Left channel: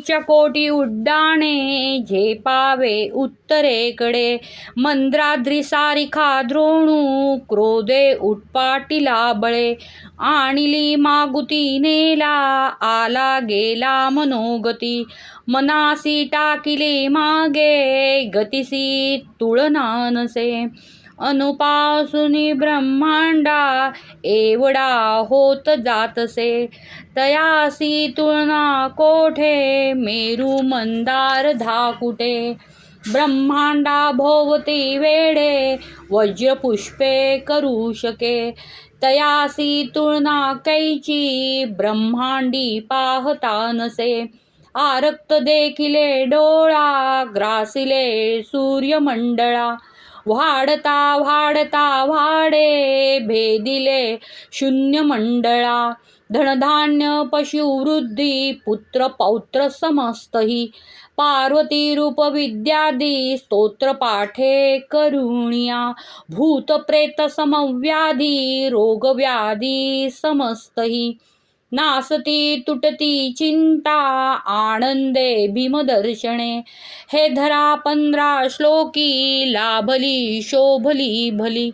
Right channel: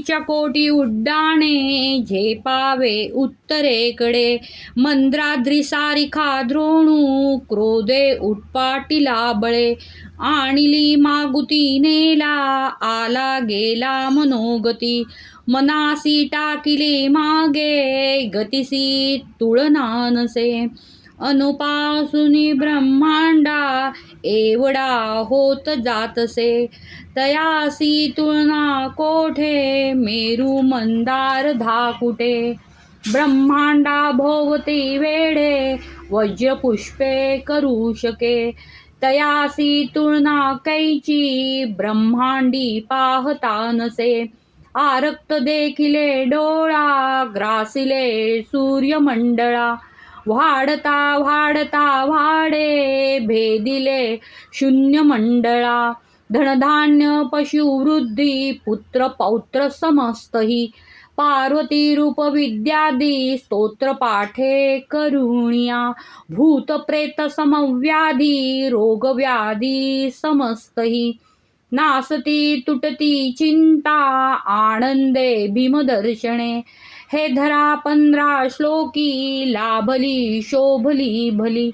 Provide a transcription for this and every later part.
च्या कोटी उड्डाणे झेपावे उत्तरेकडे, मंद्राद्री सारिखा द्रोणू क्रोधे उत्पाटीला बळे. आणिली मागुती नेला आला गेला मनोगती, मनासी टाकिले मागे गतिसी तुळना नसे. अनुपासूनी ब्रह्मांडा एवढा होत जातसे, तयासी तुळना कोठे मेरू मंदार धाकुटे. ब्रह्मांडा भोवती वेढे वज्र पुष्पे करू शके, तयासी तुळना कैची ब्रह्मांडी पाहता नसे. आरक्त देखिले डोळा ग्रासिले सूर्यमंडळा, वाढता वाढता वाढे भेदिले शून्य मंडळा. धनधान्य पशुवृद्धी पुत्र पौत्र समस्तही, पार्वती रूप विद्यादी स्तोत्र पाठे करुणिया. भूत प्रेत समव्याधी रोग व्याधी समस्तही, नासती तुटती चिंता आनंदे भीमदर्शने. हे धरा 15 श्लोकी लाभली शोभली भली,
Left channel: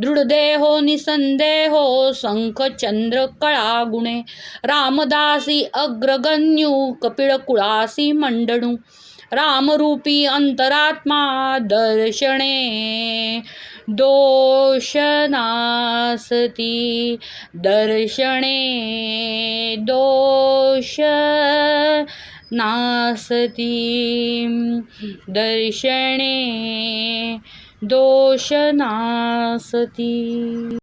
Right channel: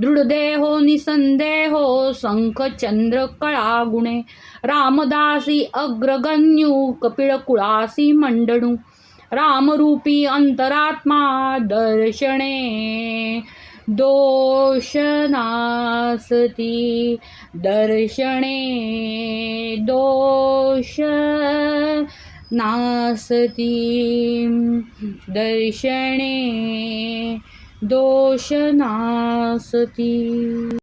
दृढदेहो निसंदेहो शंख चंद्र कळा गुणे. रामदासी अग्रगण्यू कपिळ कुळासी मंडणू, रामरूपी अंतरात्मा दर्शने दोष नासती. दर्शने दोष नासती. दर्शने दोष नासती.